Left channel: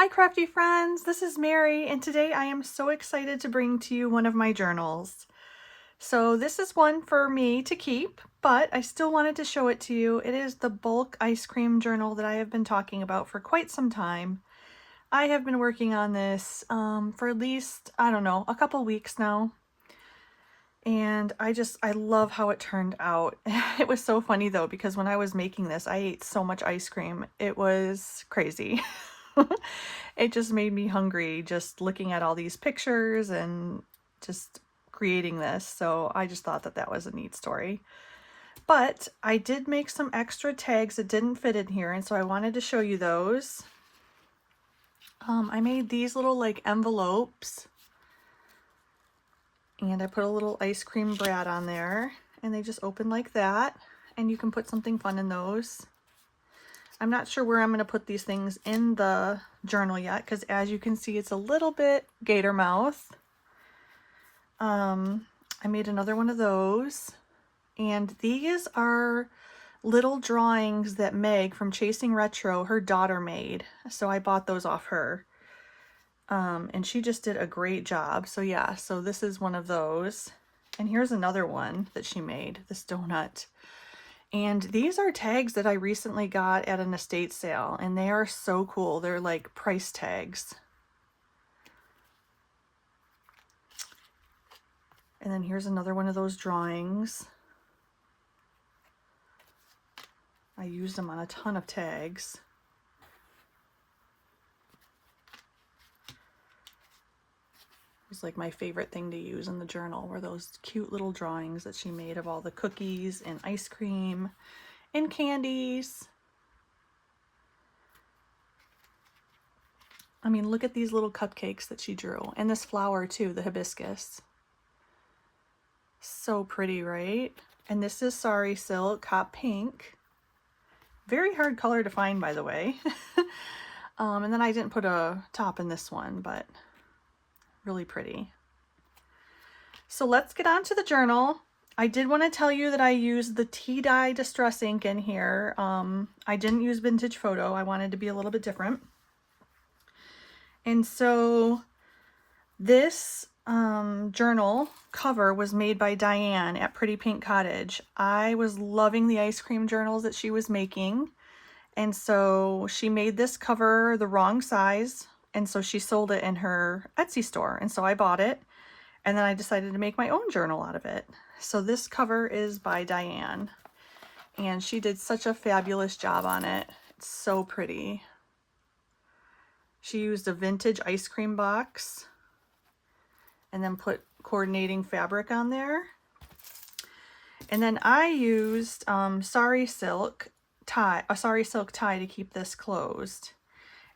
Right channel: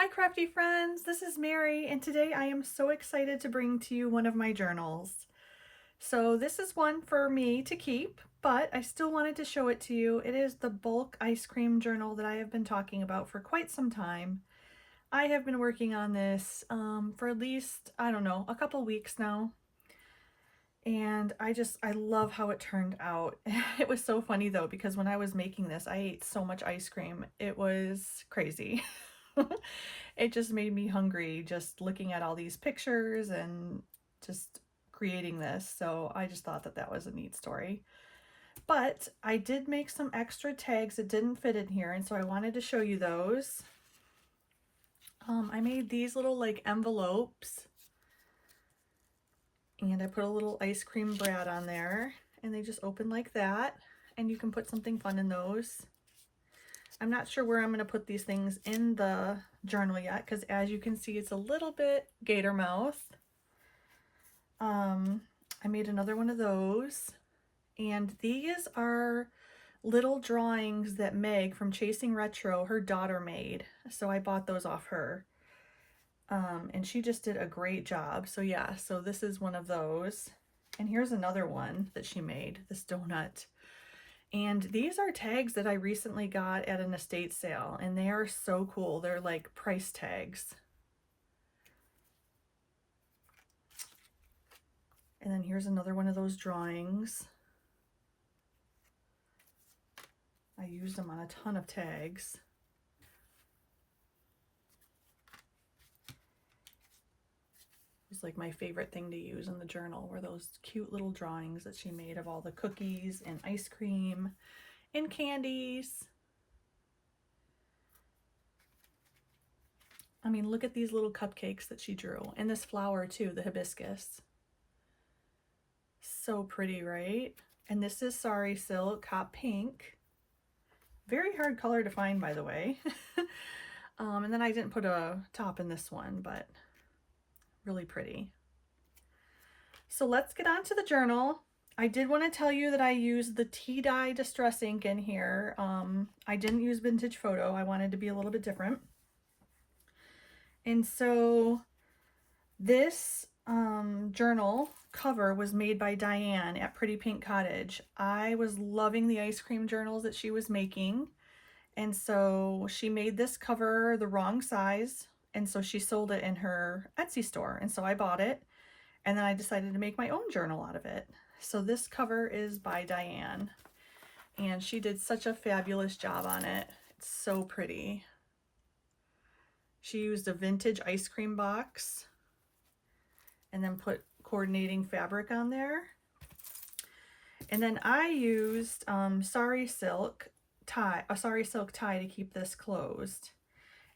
Hi crafty friends, this is Mary and today I am so excited to bring to you one of my journals. So this is one for me to keep, but I still wanted to show it to you. It is the bulk ice cream journal that I have been talking about for quite some time. I have been working on this for at least, I don't know, a couple weeks now. And I love how it turned out. It was so funny though, because when I was making this, I ate so much ice cream. It was crazy. It just made me hungry just looking at all these pictures and just creating this. So I just thought that that was a neat story. But I did make some extra tags that didn't fit in here, and so I wanted to show you those. I made these little like envelopes, and I put a little ice cream brad on there, and they just open like that, and you can put something fun in those. I'm not sure where I'm going to put these things in the journal yet, because as you can see, it's a little bit gator mouth. I made another one of those, and these are little drawings that Meg from Chasing Retro, her daughter, made. So I bought those off her. And she just did a great job. So yeah, so this is one of those. And here's another one that she made, this donut. And these are tags that I recently got at an estate sale, and they are so cool. They're like price tags. And then here's another one of those drawings. I used them on a ton of tags. It was like my favorite thing to use in the journal were those cute little drawings that she made of all the cookies and ice cream and candies. I mean, look at these little cupcakes that she drew, and this flower too, the hibiscus. So pretty, right? And this is Sari Silk Hot Pink. Very hard color to find, by the way. And then I didn't put a top in this one, but really pretty. So let's get on to the journal. I did want to tell you that I used the tea dye distress ink in here. I didn't use vintage photo. I wanted to be a little bit different. And so this journal cover was made by Diane at Pretty Pink Cottage. I was loving the ice cream journals that she was making, and so she made this cover the wrong size, and so she sold it in her Etsy store, and so I bought it, and then I decided to make my own journal out of it. So this cover is by Diane, and she did such a fabulous job on it. It's so pretty. She used a vintage ice cream box and then put coordinating fabric on there. And then I used Sari Silk tie, a Sari Silk tie to keep this closed.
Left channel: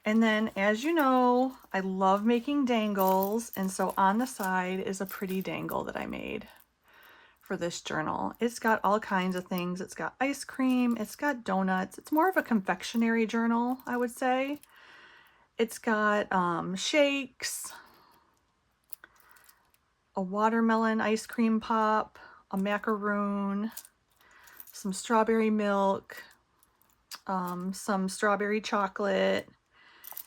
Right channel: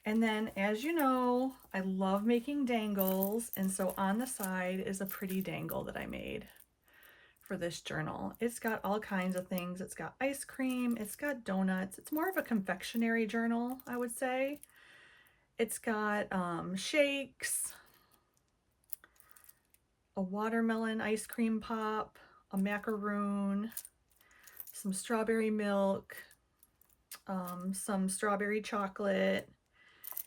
And then, as you know, I love making dangles, and so on the side is a pretty dangle that I made for this journal. It's got all kinds of things. It's got ice cream, it's got donuts. It's more of a confectionery journal, I would say. It's got shakes, a watermelon ice cream pop, a macaroon, some strawberry milk, some strawberry chocolate.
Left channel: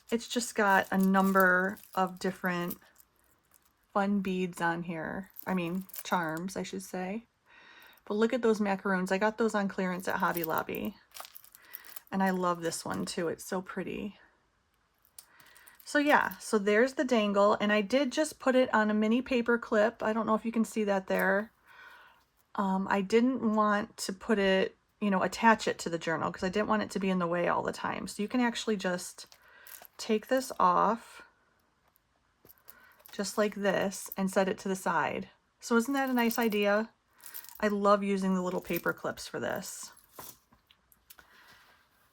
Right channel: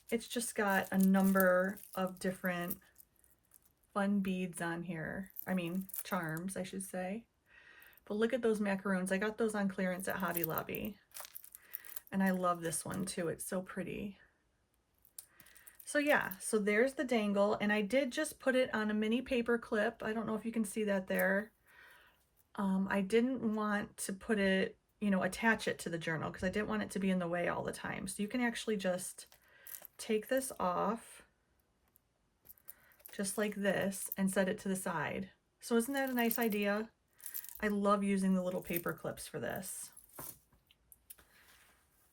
It's just got a number of different fun beads on here. I mean, charms, I should say. But look at those macaroons. I got those on clearance at Hobby Lobby. And I love this one too. It's so pretty. So yeah, so there's the dangle, and I did just put it on a mini paper clip. I don't know if you can see that there. I didn't want to put it, you know, attach it to the journal because I didn't want it to be in the way all the time. So you can actually just take this off just like this and set it to the side. So isn't that a nice idea? I love using the little paper clips for this.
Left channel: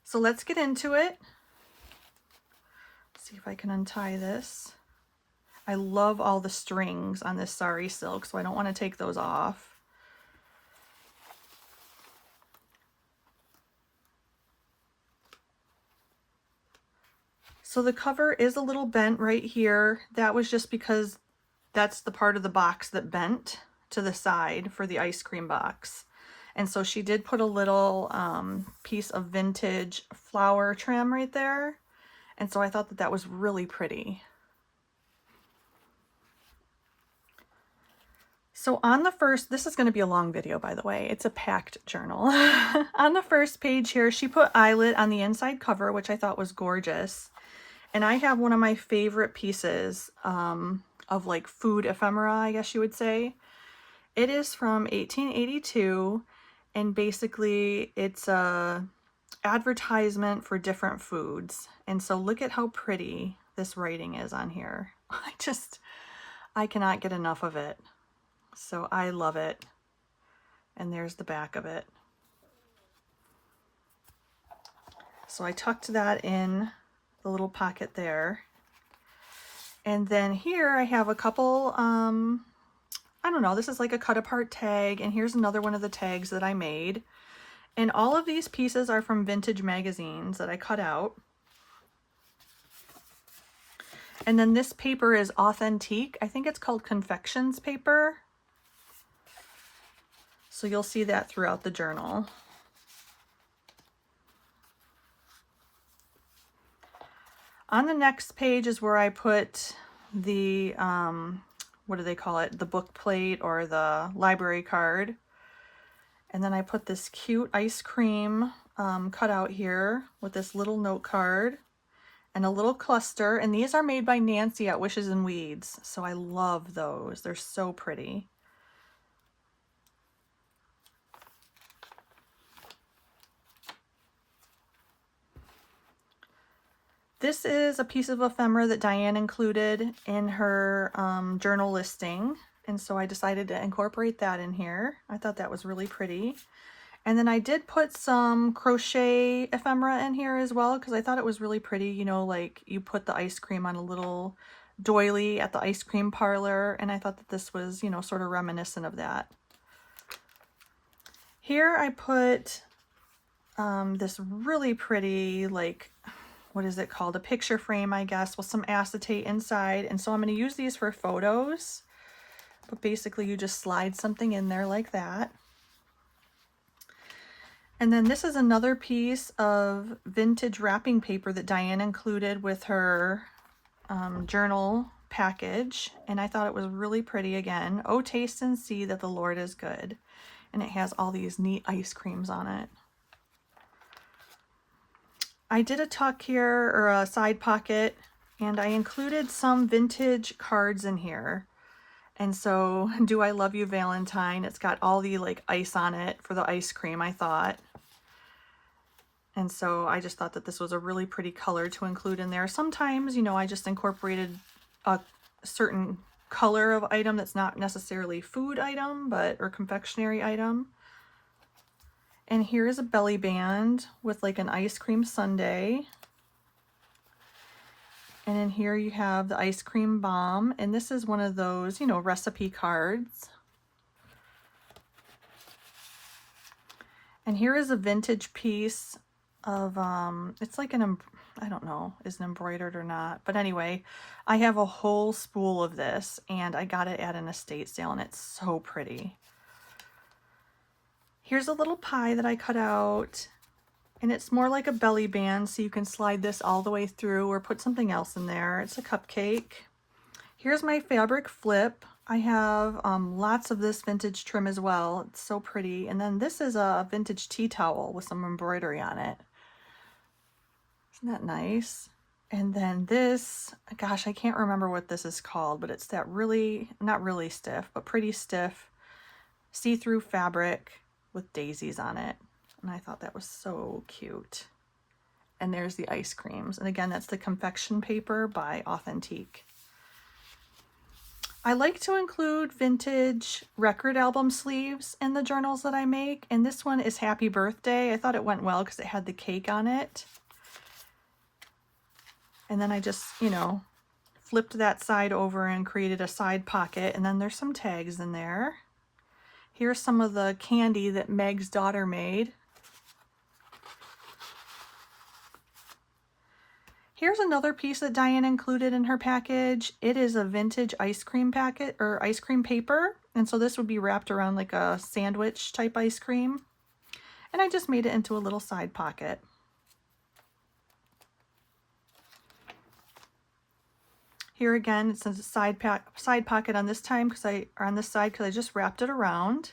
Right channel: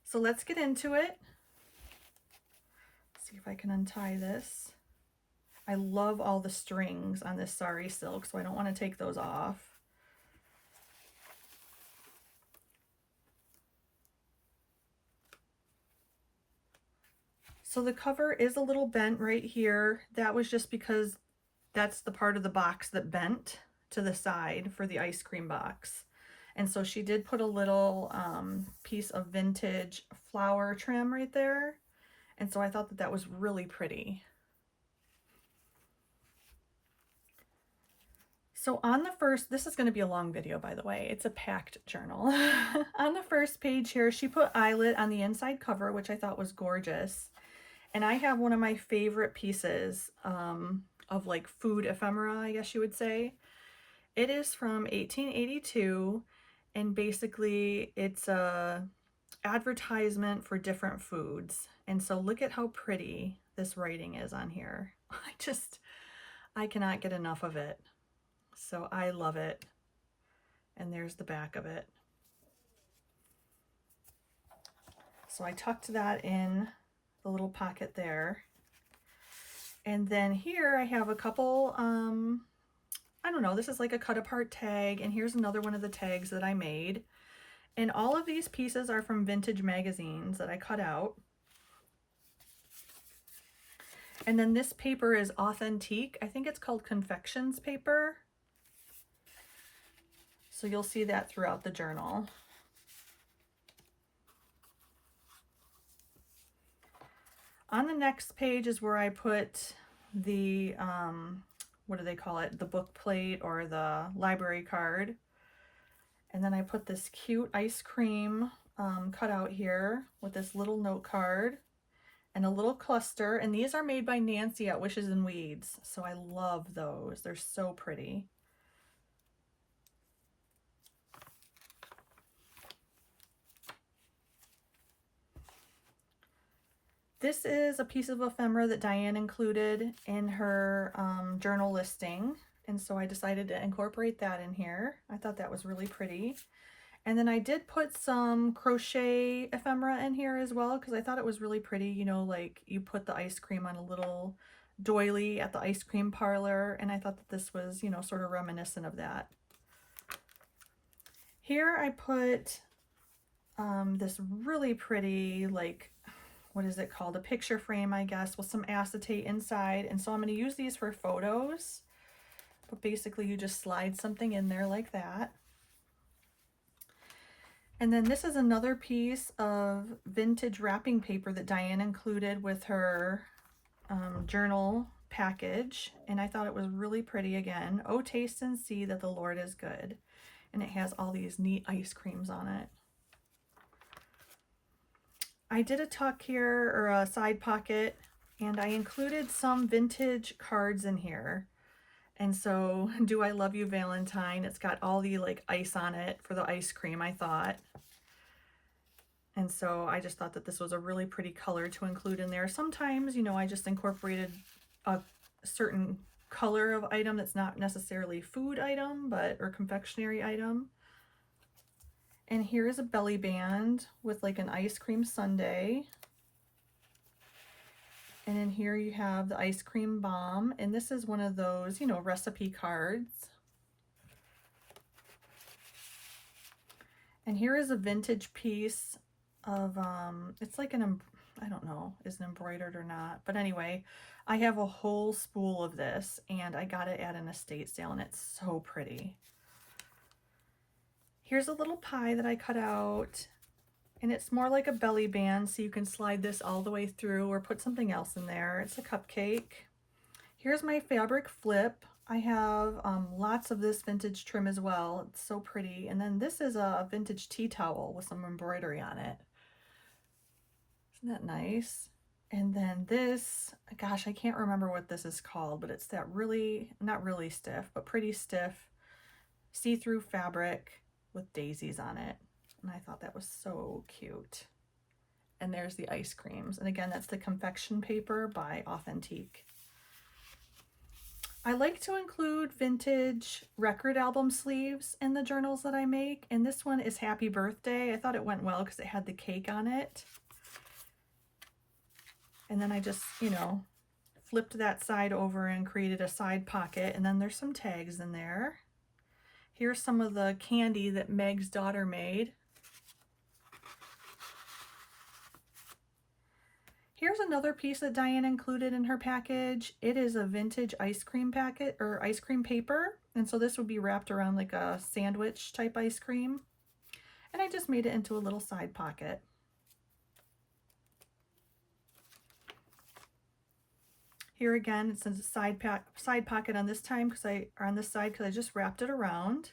So let's get into it. See if I can untie this. I love all the strings on this Sari Silk, so I don't want to take those off. So the cover is a little bent right here. That was just because that's the part of the box that bent to the side for the ice cream box. And so she did put a little piece of vintage flower trim right there. And so I thought that that was really pretty. So on the first, this is going to be a long video, by the way. It's a packed journal. On the first page here, she put eyelet on the inside cover, which I thought was gorgeous. And I have one of my favorite pieces of like food ephemera, I guess you would say. It is from 1882, and basically it's a advertisement for different foods. And so look at how pretty this writing is on here. I cannot get enough of it. So I love it. And there's the back of it. So I tucked that in the little pocket there. And then here I have a couple, I don't know, this is like a cut apart tag. And here's another one of the tags that I made. And all of these pieces are from vintage magazines that I cut out. And then this paper is authentique. I think it's called Confections paper. So you'll see that throughout the journal. On the next page is where I put the, what do they call it? The book plate or the library card. And then I put this cute ice cream cutout here with this little note card and a little cluster. And these are made by Nancy at Wishes and Weeds. So I love those. They're so pretty. This is a piece of ephemera that Diane included in her journal listing. And so I decided to incorporate that in here. I thought that was really pretty. And then I did put some crochet ephemera in here as well because I thought it was really pretty. You know, like you put the ice cream on a little doily at the ice cream parlor. And I thought that this was, you know, sort of reminiscent of that. Here I put this really pretty, like, what is it called? A picture frame, I guess, with some acetate inside. And so I'm going to use these for photos. But basically you just slide something in there like that. And then this is another piece of vintage wrapping paper that Diane included with her journal package. And I thought it was really pretty again. Oh, taste and see that the Lord is good. And it has all these neat ice creams on it. I did a tuck here, or a side pocket, and I included some vintage cards in here. And so, Do I Love You Valentine, it's got all the like ice on it for the ice cream, I thought. And so I just thought that this was a really pretty color to include in there. Sometimes, you know, I just incorporated a certain color of item that's not necessarily food item, but, or confectionery item. And here is a belly band with like an ice cream sundae. And in here you have the ice cream bomb. And this is one of those, you know, recipe cards. And here is a vintage piece of, it's like an, I don't know, is it embroidered or not. But anyway, I have a whole spool of this and I got it at an estate sale and it's so pretty. Here's a little pie that I cut out, and it's more like a belly band, so you can slide this all the way through or put something else in there. It's a cupcake. Here's my fabric flip. I have lots of this vintage trim as well. It's so pretty. And then this is a vintage tea towel with some embroidery on it. Isn't that nice? And then this, gosh, I can't remember what this is called, but it's that really, not really stiff, but pretty stiff see-through fabric with daisies on it. And I thought that was so cute. And there's the ice creams. And again, that's the Confection paper by Authentique. I like to include vintage record album sleeves in the journals that I make. And this one is Happy Birthday. I thought it went well because it had the cake on it. And then I just, you know, flipped that side over and created a side pocket. And then there's some tags in there. Here's some of the candy that Meg's daughter made. Here's another piece that Diane included in her package. It is a vintage ice cream packet or ice cream paper. And so this would be wrapped around like a sandwich type ice cream. And I just made it into a little side pocket. Here again, it says side pocket on this time on this side because I just wrapped it around.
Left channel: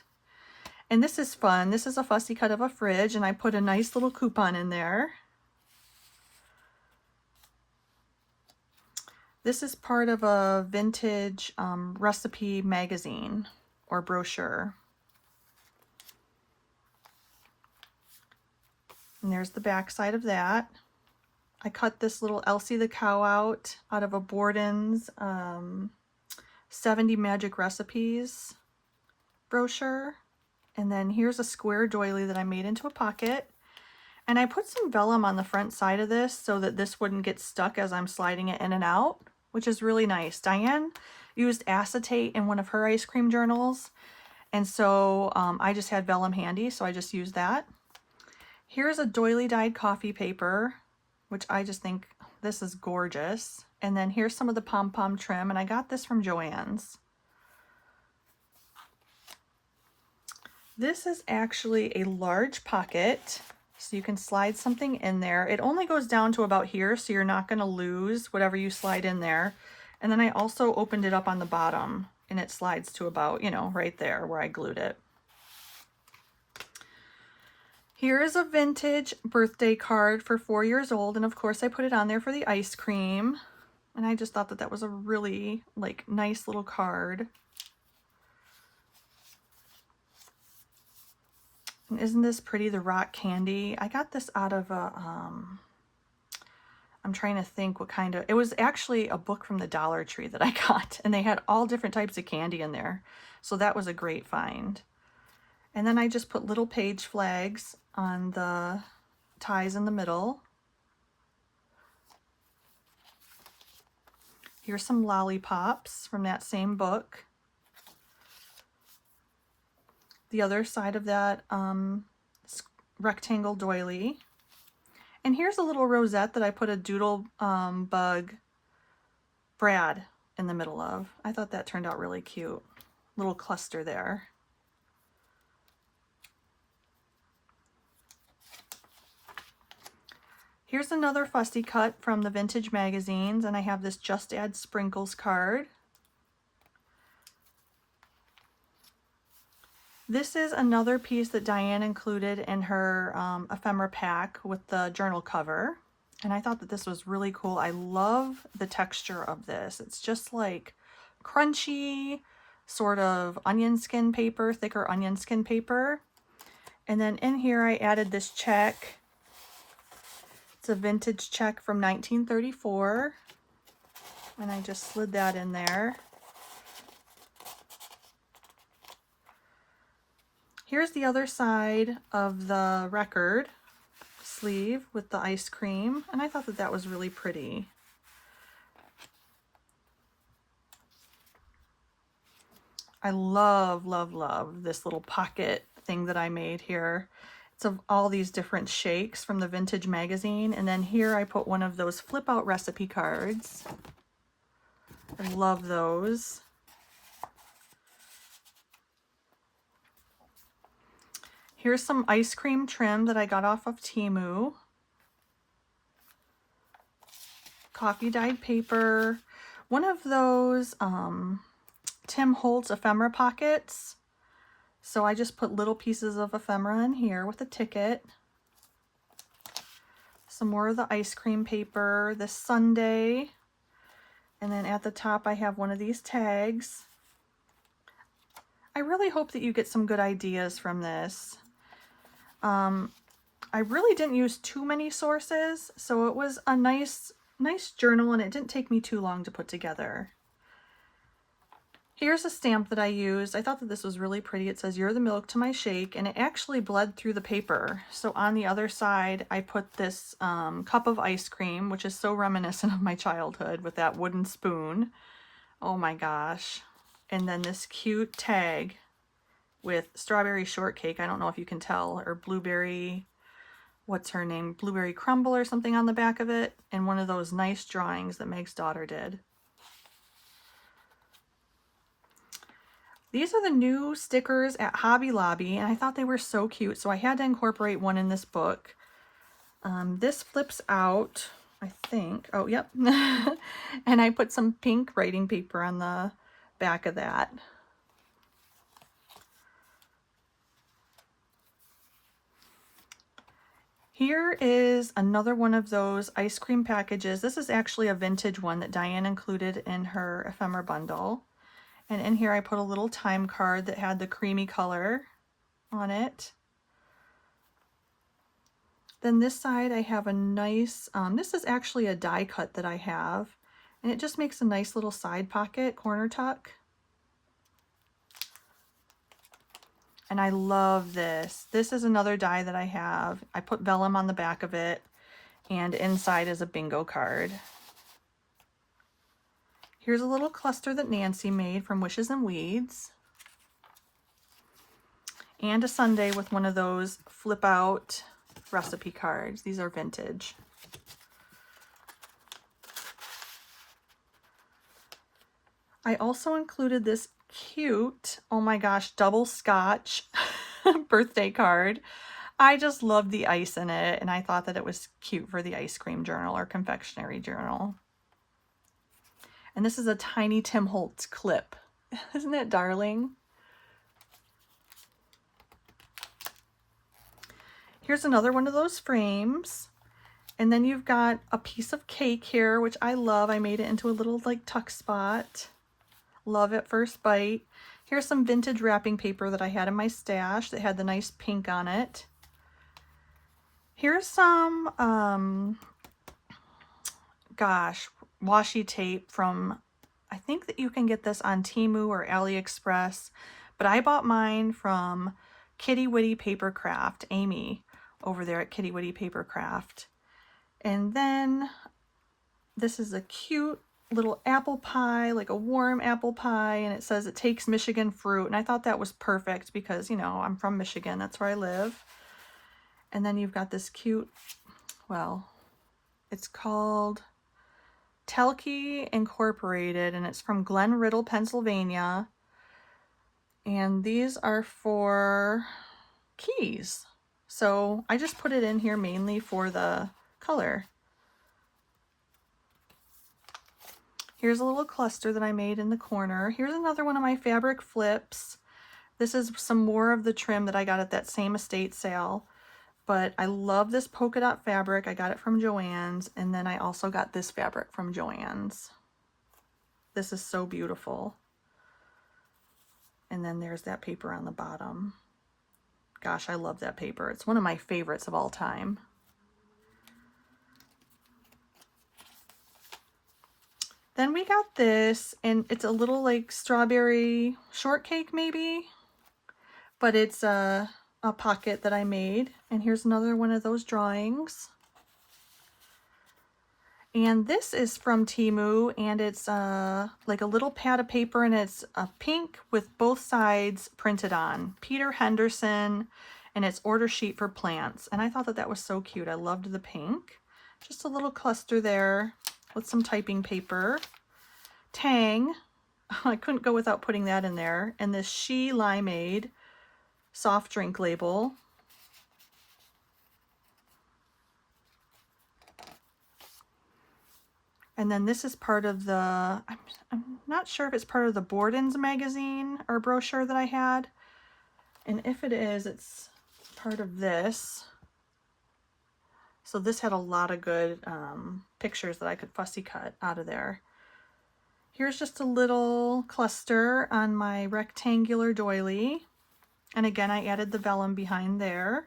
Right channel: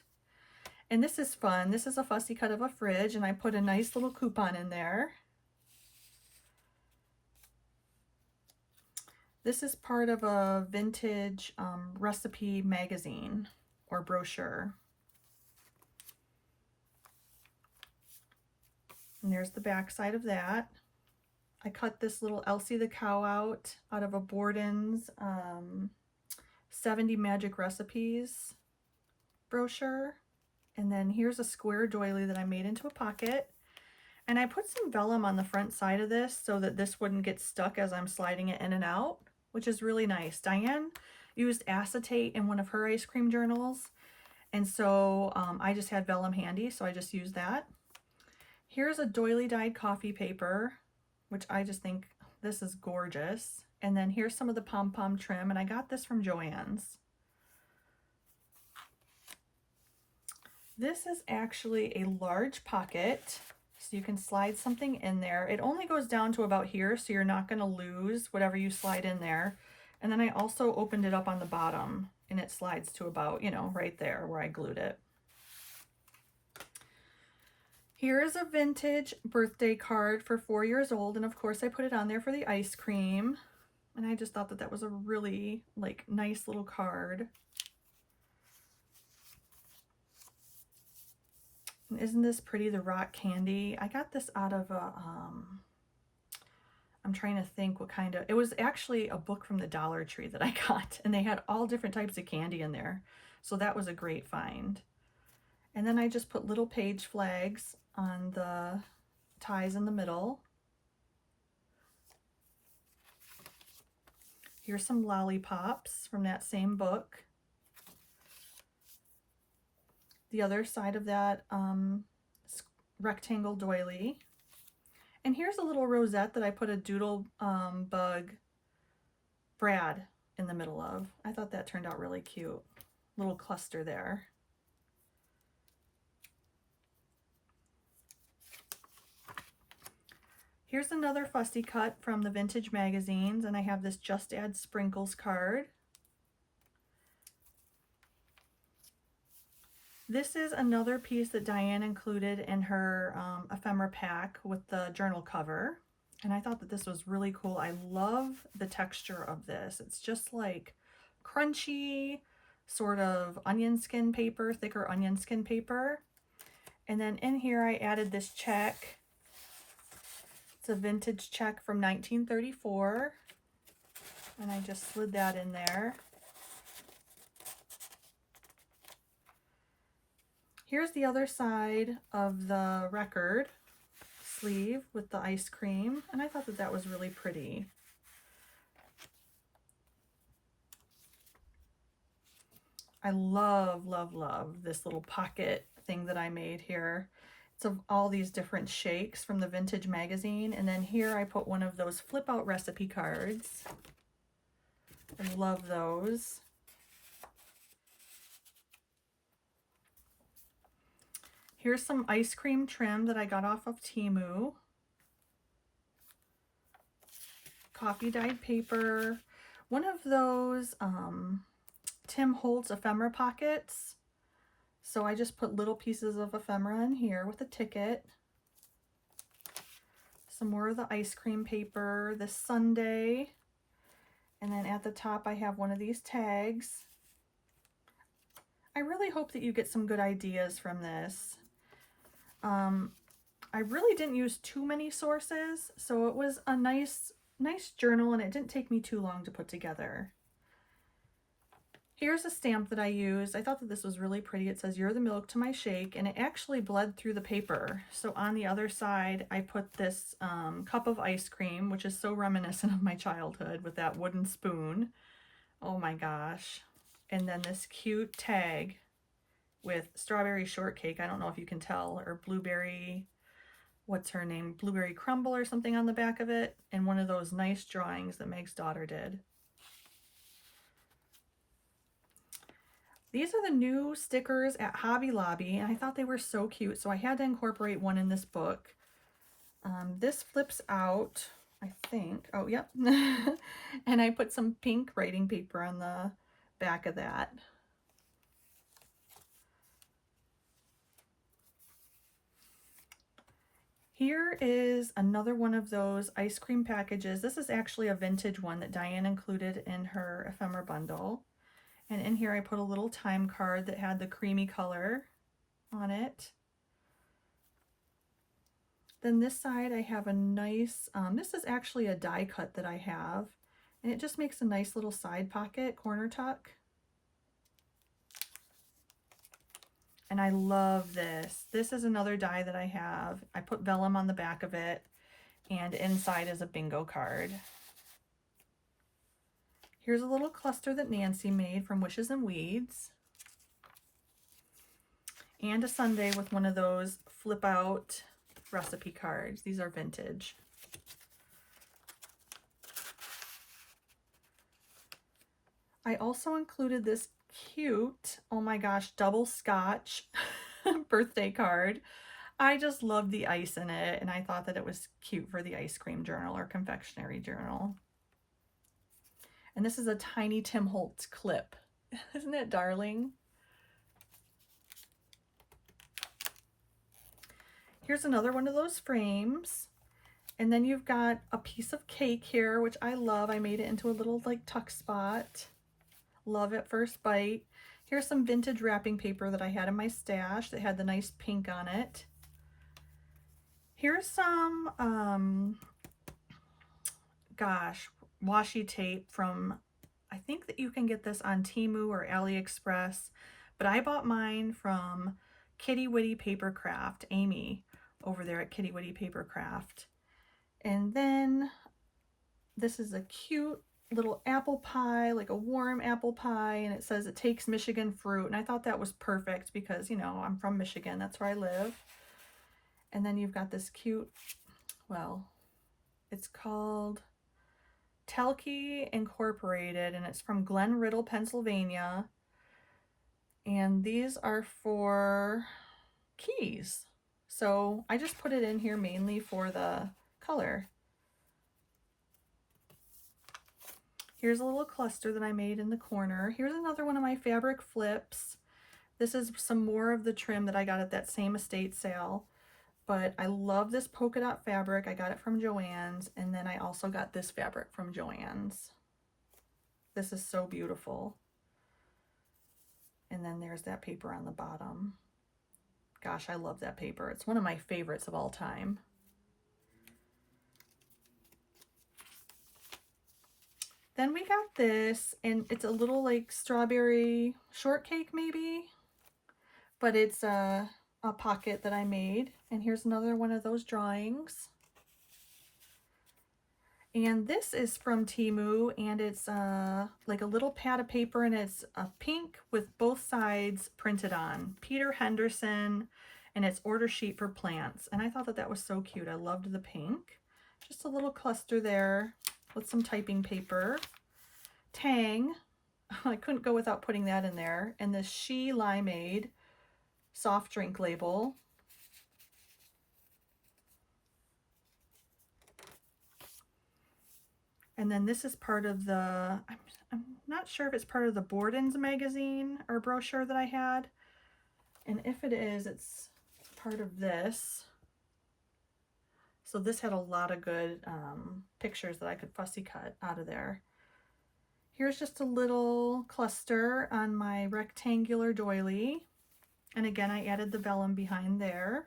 And this is fun. This is a fussy cut of a fridge, and I put a nice little coupon in there. This is part of a vintage recipe magazine or brochure. And there's the back side of that. I cut this little Elsie the cow out of a Borden's 70 Magic Recipes brochure. And then here's a square doily that I made into a pocket. And I put some vellum on the front side of this so that this wouldn't get stuck as I'm sliding it in and out, which is really nice. Diane used acetate in one of her ice cream journals. And so I just had vellum handy, so I just used that. Here's a doily dyed coffee paper, which I just think this is gorgeous. And then here's some of the pom-pom trim, and I got this from Joann's. This is actually a large pocket, so you can slide something in there. It only goes down to about here, so you're not going to lose whatever you slide in there. And then I also opened it up on the bottom, and it slides to about, you know, right there where I glued it. Here is a vintage birthday card for 4 years old, and of course I put it on there for the ice cream. And I just thought that that was a really, like, nice little card. And isn't this pretty, the rock candy? I got this out of a, I'm trying to think what kind of, it was actually a book from the Dollar Tree that I got, and they had all different types of candy in there. So that was a great find. And then I just put little page flags on the ties in the middle. Here's some lollipops from that same book. The other side of that rectangle doily. And here's a little rosette that I put a doodle bug Brad in the middle of. I thought that turned out really cute. Little cluster there. Here's another fussy cut from the vintage magazines, and I have this Just Add Sprinkles card. This is another piece that Diane included in her ephemera pack with the journal cover, and I thought that this was really cool. I love the texture of this. It's just like crunchy, sort of onion skin paper, thicker onion skin paper. And then in here I added this check. It's a vintage check from 1934, and I just slid that in there. Here's the other side of the record sleeve with the ice cream, and I thought that that was really pretty. I love, love, love this little pocket thing that I made here. It's of all these different shakes from the vintage magazine, and then here I put one of those flip out recipe cards. I love those. Here's some ice cream trim that I got off of Temu. Coffee dyed paper. One of those Tim Holtz ephemera pockets. So I just put little pieces of ephemera in here with a ticket. Some more of the ice cream paper, this sundae. And then at the top I have one of these tags. I really hope that you get some good ideas from this. I really didn't use too many sources, so it was a nice journal, and it didn't take me too long to put together. Here's a stamp that I used. I thought that this was really pretty. It says, "You're the milk to my shake," and it actually bled through the paper. So on the other side, I put this cup of ice cream, which is so reminiscent of my childhood with that wooden spoon. Oh my gosh. And then this cute tag with strawberry shortcake. I don't know if you can tell, or blueberry, what's her name? Blueberry crumble or something on the back of it. And one of those nice drawings that Meg's daughter did. These are the new stickers at Hobby Lobby, and I thought they were so cute, so I had to incorporate one in this book. This flips out. I think. Oh, yep. And I put some pink writing paper on the back of that. Here is another one of those ice cream packages. This is actually a vintage one that Diane included in her ephemera bundle. And in here I put a little time card that had the creamy color on it. Then this side I have a nice, this is actually a die cut that I have, and it just makes a nice little side pocket, corner tuck. And I love this. This is another die that I have. I put vellum on the back of it, and inside is a bingo card. Here's a little cluster that Nancy made from Wishes and Weeds. And a sundae with one of those flip out recipe cards. These are vintage. I also included this cute, oh my gosh, double scotch birthday card. I just loved the ice in it, and I thought that it was cute for the ice cream journal or confectionery journal. And this is a tiny Tim Holtz clip. Isn't that darling? Here's another one of those frames. And then you've got a piece of cake here, which I love. I made it into a little like tuck spot. Love at first bite. Here's some vintage wrapping paper that I had in my stash that had the nice pink on it. Here's some, gosh, washi tape from, I think that you can get this on Temu or AliExpress, but I bought mine from Kitty Witty Papercraft, Amy over there at Kitty Witty Papercraft. And then this is a cute little apple pie, like a warm apple pie, and it says it takes Michigan fruit, and I thought that was perfect because, you know, I'm from Michigan, that's where I live. And then you've got this cute, well, it's called Telke Incorporated, and it's from Glen Riddle, Pennsylvania, and these are for keys. So I just put it in here mainly for the color. Here's a little cluster that I made in the corner. Here's another one of my fabric flips. This is some more of the trim that I got at that same estate sale. But I love this polka dot fabric. I got it from Joann's. And then I also got this fabric from Joann's. This is so beautiful. And then there's that paper on the bottom. Gosh, I love that paper. It's one of my favorites of all time. Then we got this, and it's a little like strawberry shortcake maybe, but it's a pocket that I made. And here's another one of those drawings. And this is from Temu, and it's like a little pad of paper, and it's a pink with both sides printed on. Peter Henderson, and it's order sheet for plants. And I thought that that was so cute. I loved the pink. Just a little cluster there with some typing paper. Tang, I couldn't go without putting that in there. And this She Limeade soft drink label. And then this is part of the, I'm not sure if it's part of the Borden's magazine or brochure that I had. And if it is, it's part of this. So this had a lot of good pictures that I could fussy cut out of there. Here's just a little cluster on my rectangular doily. And again, I added the vellum behind there.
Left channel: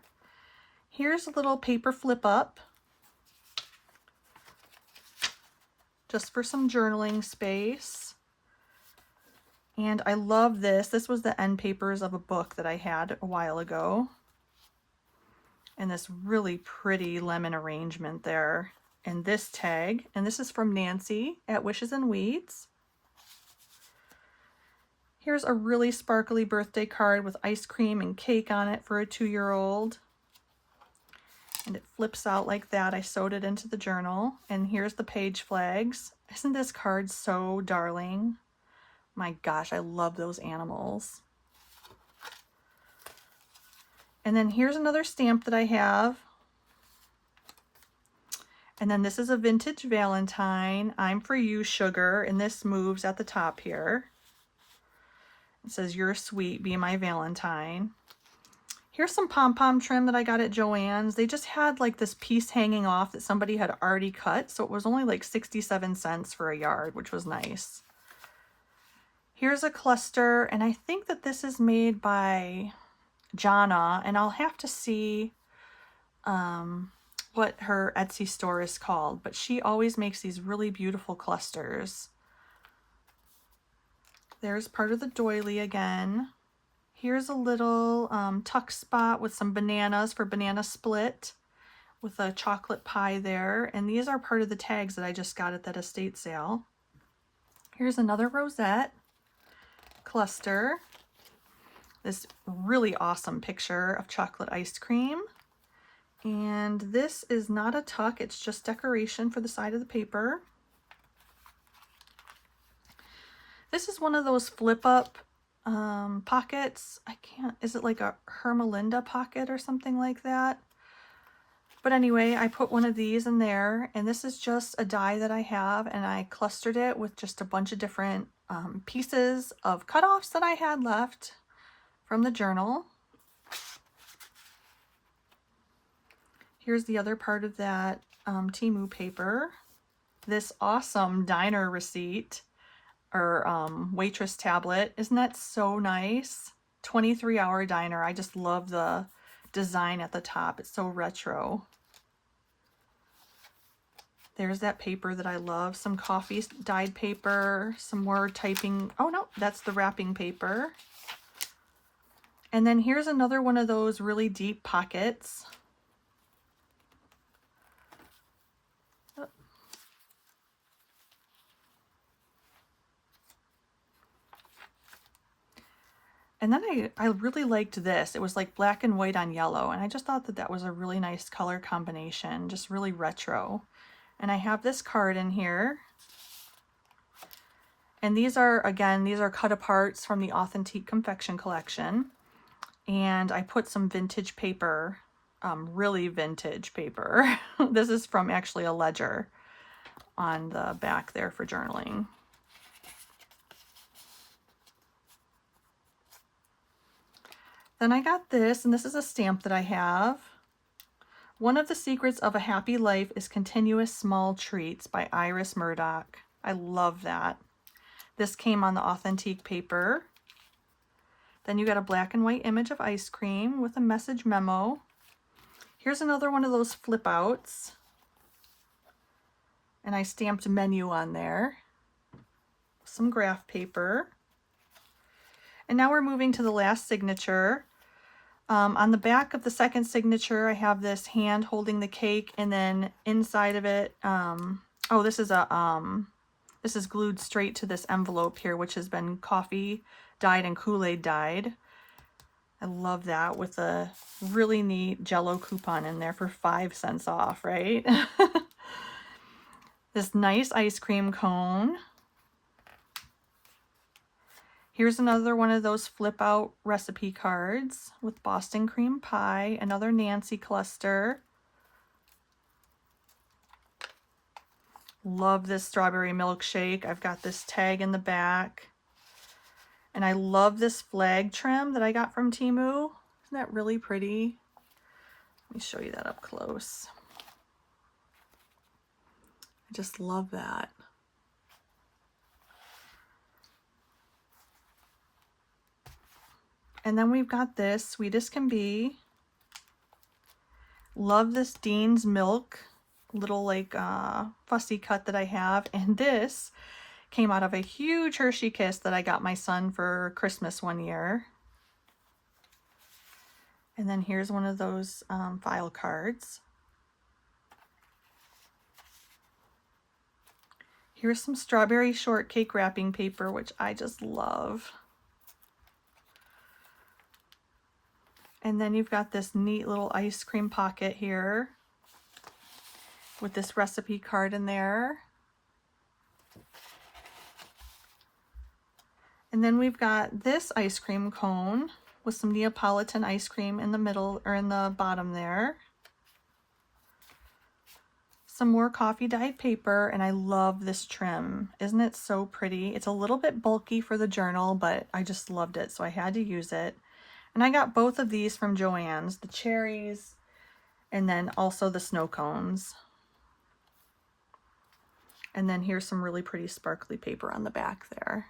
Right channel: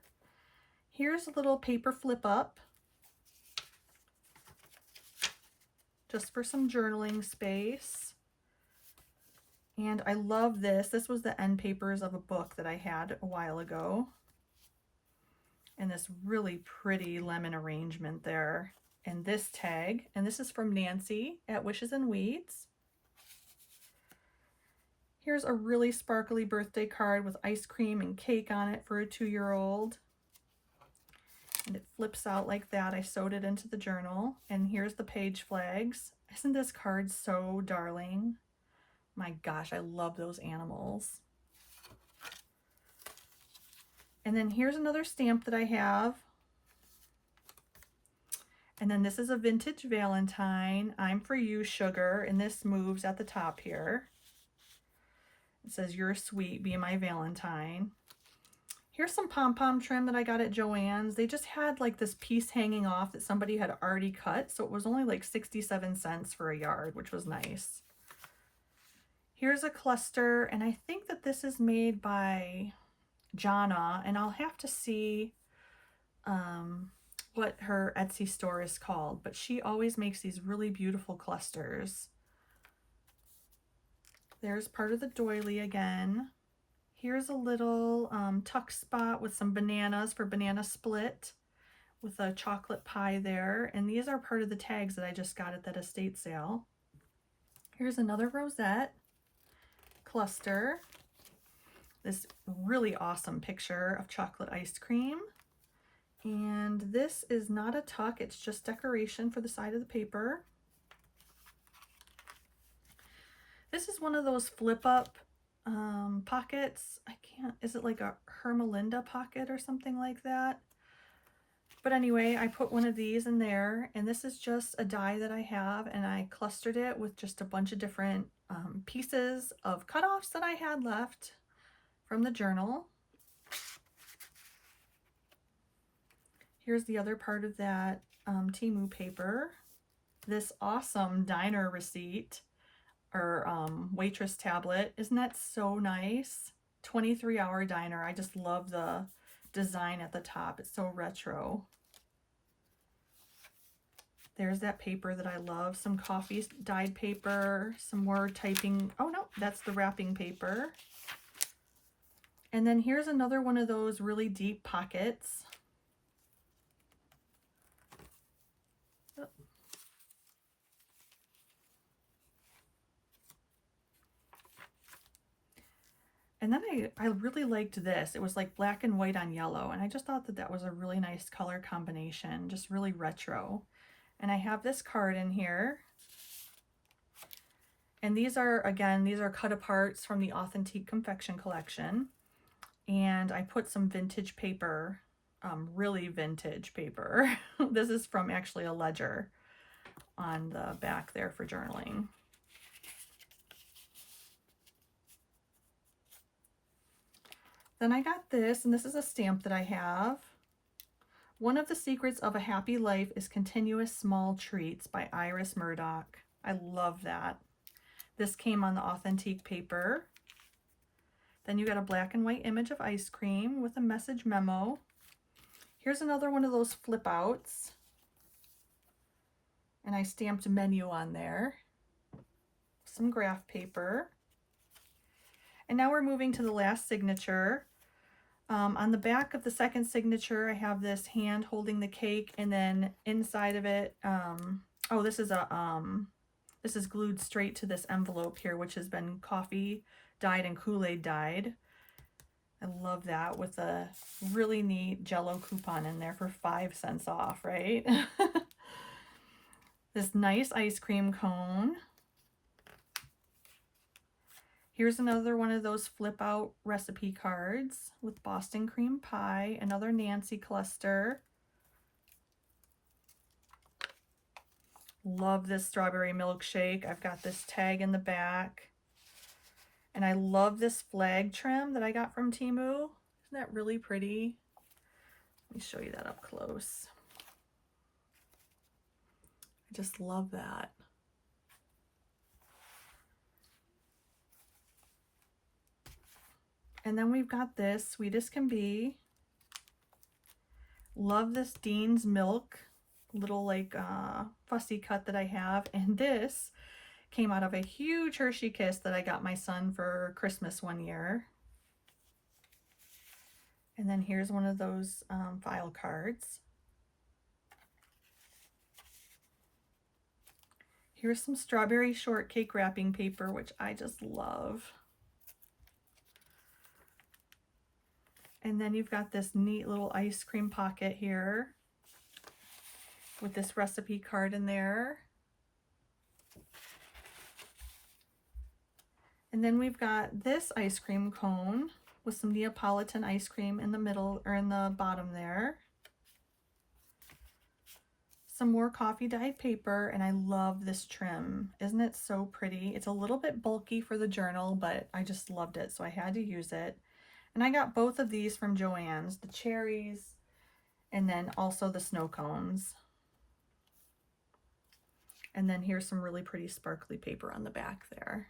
Here's a little paper flip up, just for some journaling space. And I love this. This was the end papers of a book that I had a while ago. And this really pretty lemon arrangement there. And this tag, and this is from Nancy at Wishes and Weeds. Here's a really sparkly birthday card with ice cream and cake on it for a 2-year-old. And it flips out like that. I sewed it into the journal. And here's the page flags. Isn't this card so darling? My gosh, I love those animals. And then here's another stamp that I have. And then this is a vintage Valentine. I'm for you, sugar. And this moves at the top here. It says, you're sweet, be my Valentine. Here's some pom-pom trim that I got at Joann's. They just had like this piece hanging off that somebody had already cut. So it was only like 67 cents for a yard, which was nice. Here's a cluster. And I think that this is made by Jana. And I'll have to see what her Etsy store is called. But she always makes these really beautiful clusters. There's part of the doily again. Here's a little tuck spot with some bananas for banana split with a chocolate pie there. And these are part of the tags that I just got at that estate sale. Here's another rosette cluster. This really awesome picture of chocolate ice cream. And this is not a tuck, it's just decoration for the side of the paper. This is one of those flip up pockets. I can't, is it like a Hermelinda pocket or something like that? But anyway, I put one of these in there, and this is just a die that I have, and I clustered it with just a bunch of different pieces of cutoffs that I had left from the journal. Here's the other part of that Temu paper. This awesome diner receipt or waitress tablet. Isn't that so nice? 23-hour diner. I just love the design at the top. It's so retro. There's that paper that I love. Some coffee dyed paper, some more typing. Oh no, that's the wrapping paper. And then here's another one of those really deep pockets. And then I really liked this. It was like black and white on yellow. And I just thought that that was a really nice color combination, just really retro. And I have this card in here. And these are, again, these are cut aparts from the Authentique Confection collection. And I put some vintage paper, really vintage paper. This is from actually a ledger on the back there for journaling. Then I got this, and this is a stamp that I have. One of the secrets of a happy life is continuous small treats by Iris Murdoch. I love that. This came on the Authentique paper. Then you got a black and white image of ice cream with a message memo. Here's another one of those flip outs. And I stamped menu on there. Some graph paper. And now we're moving to the last signature. On the back of the second signature, I have this hand holding the cake, and then inside of it, oh, this is glued straight to this envelope here, which has been coffee dyed and Kool-Aid dyed. I love that, with a really neat Jell-O coupon in there for 5 cents off, right? This nice ice cream cone. Here's another one of those flip out recipe cards with Boston cream pie, another Nancy cluster. Love this strawberry milkshake. I've got this tag in the back. And I love this flag trim that I got from Temu. Isn't that really pretty? Let me show you that up close. I just love that. And then we've got this, Sweet as Can Be. Love this Dean's Milk, little like fussy cut that I have. And this came out of a huge Hershey Kiss that I got my son for Christmas one year. And then here's one of those file cards. Here's some strawberry shortcake wrapping paper, which I just love. And then you've got this neat little ice cream pocket here with this recipe card in there. And then we've got this ice cream cone with some Neapolitan ice cream in the middle, or in the bottom there. Some more coffee dyed paper, and I love this trim. Isn't it so pretty? It's a little bit bulky for the journal, but I just loved it, so I had to use it. And I got both of these from Joann's, the cherries, and then also the snow cones. And then here's some really pretty sparkly paper on the back there.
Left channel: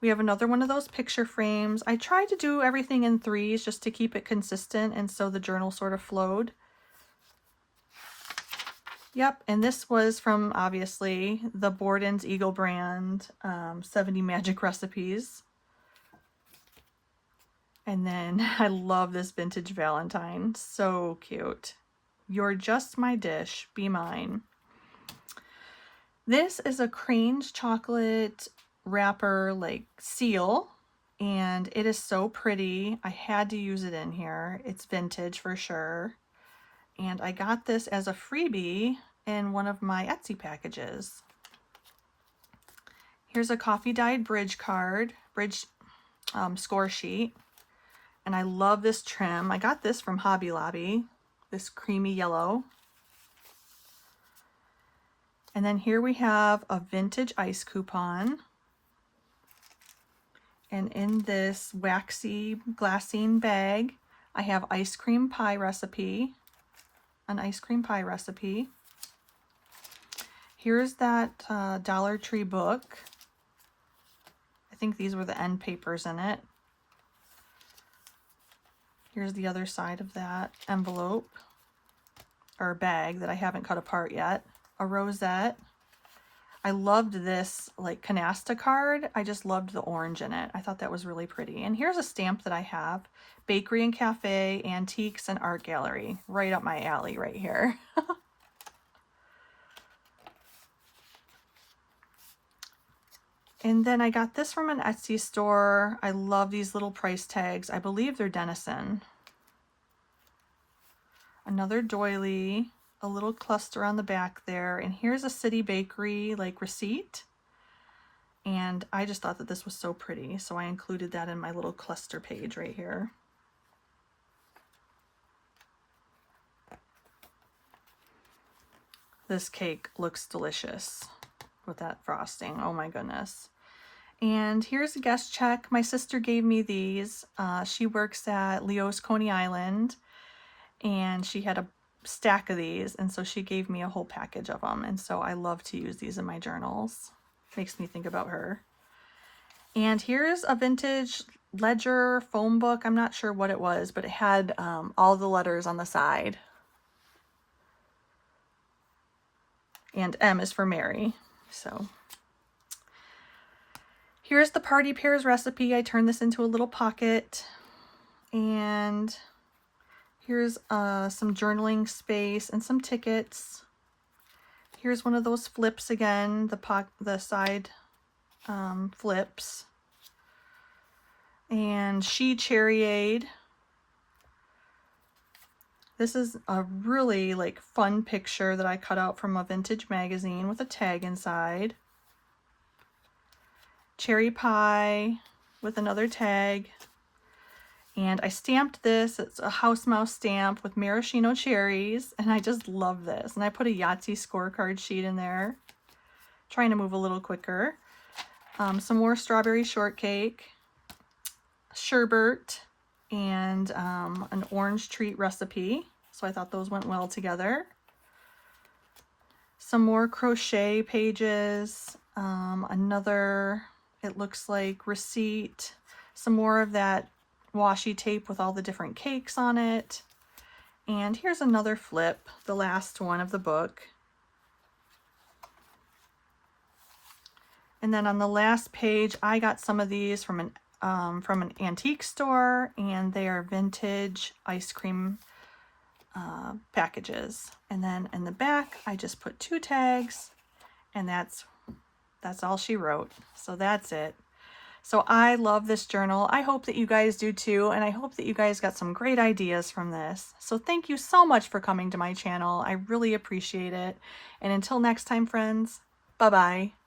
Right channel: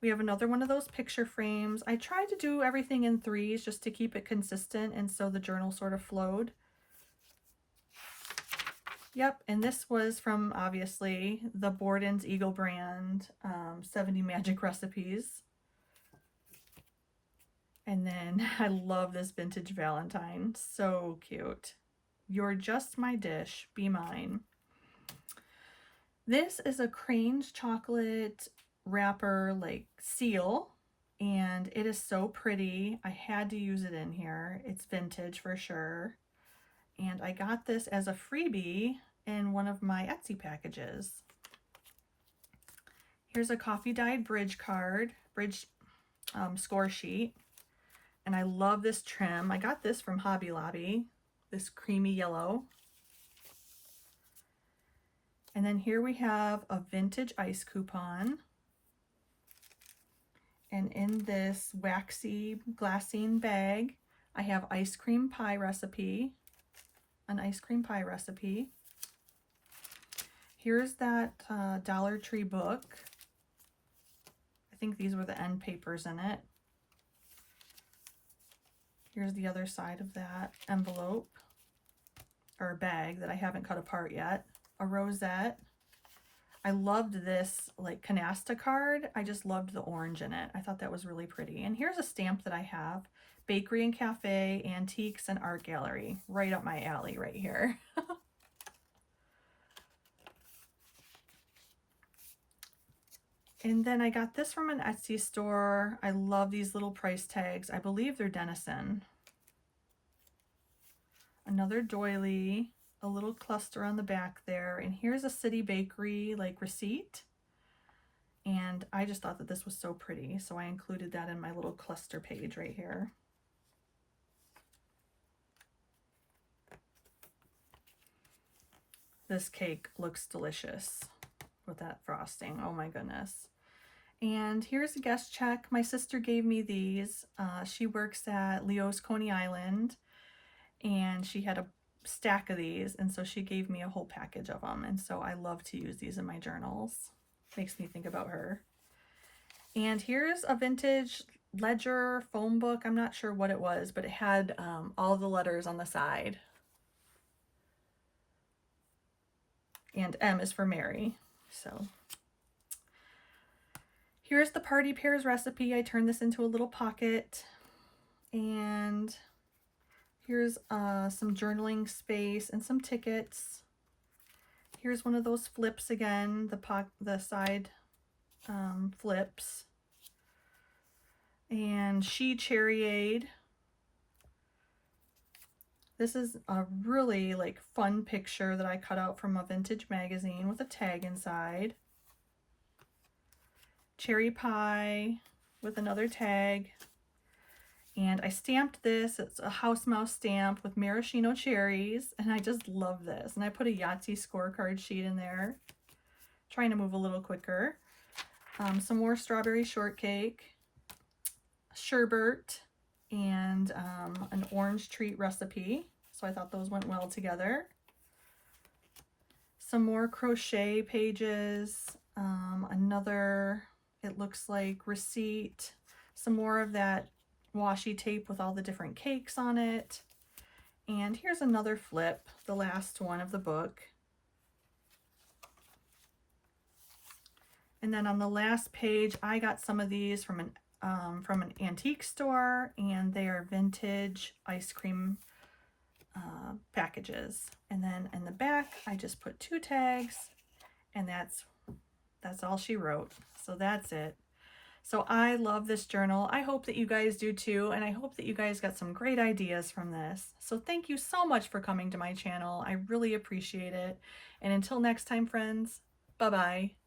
We have another one of those picture frames. I tried to do everything in threes just to keep it consistent, and so the journal sort of flowed. Yep, and this was from, obviously, the Borden's Eagle brand, 70 Magic Recipes. And then I love this vintage Valentine. So cute. You're just my dish, be mine. This is a Crane's chocolate wrapper like seal, and it is so pretty. I had to use it in here. It's vintage for sure. And I got this as a freebie in one of my Etsy packages. Here's a coffee dyed bridge score sheet. And I love this trim. I got this from Hobby Lobby, this creamy yellow. And then here we have a vintage ice coupon. And in this waxy glassine bag, I have an ice cream pie recipe. Here's that Dollar Tree book. I think these were the end papers in it. Here's the other side of that envelope or bag that I haven't cut apart yet. A rosette. I loved this like canasta card. I just loved the orange in it. I thought that was really pretty. And here's a stamp that I have. Bakery and Cafe, Antiques and Art Gallery. Right up my alley right here. And then I got this from an Etsy store. I love these little price tags. I believe they're Denison. Another doily, a little cluster on the back there. And here's a City Bakery like receipt. And I just thought that this was so pretty, so I included that in my little cluster page right here. This cake looks delicious with that frosting. Oh my goodness. And here's a guest check. My sister gave me these. She works at Leo's Coney Island, and she had a stack of these, and so she gave me a whole package of them, and so I love to use these in my journals. Makes me think about her. And here's a vintage ledger foam book. I'm not sure what it was, but it had all the letters on the side. And M is for Mary. So here's the party pears recipe. I turned this into a little pocket. And here's some journaling space and some tickets. Here's one of those flips again, the side flips. And She Cherryade. This is a really like fun picture that I cut out from a vintage magazine with a tag inside. Cherry pie with another tag. And I stamped this. It's a house mouse stamp with maraschino cherries, and I just love this. And I put a Yahtzee scorecard sheet in there, trying to move a little quicker. Some more strawberry shortcake, sherbet, and an orange treat recipe. So I thought those went well together. Some more crochet pages, another, it looks like receipt, some more of that washi tape with all the different cakes on it. And here's another flip, the last one of the book. And then on the last page, I got some of these from an antique store, and they are vintage ice cream packages. And then in the back, I just put 2 tags, and that's all she wrote. So that's it. So I love this journal. I hope that you guys do too, and I hope that you guys got some great ideas from this. So thank you so much for coming to my channel. I really appreciate it. And until next time, friends, bye-bye.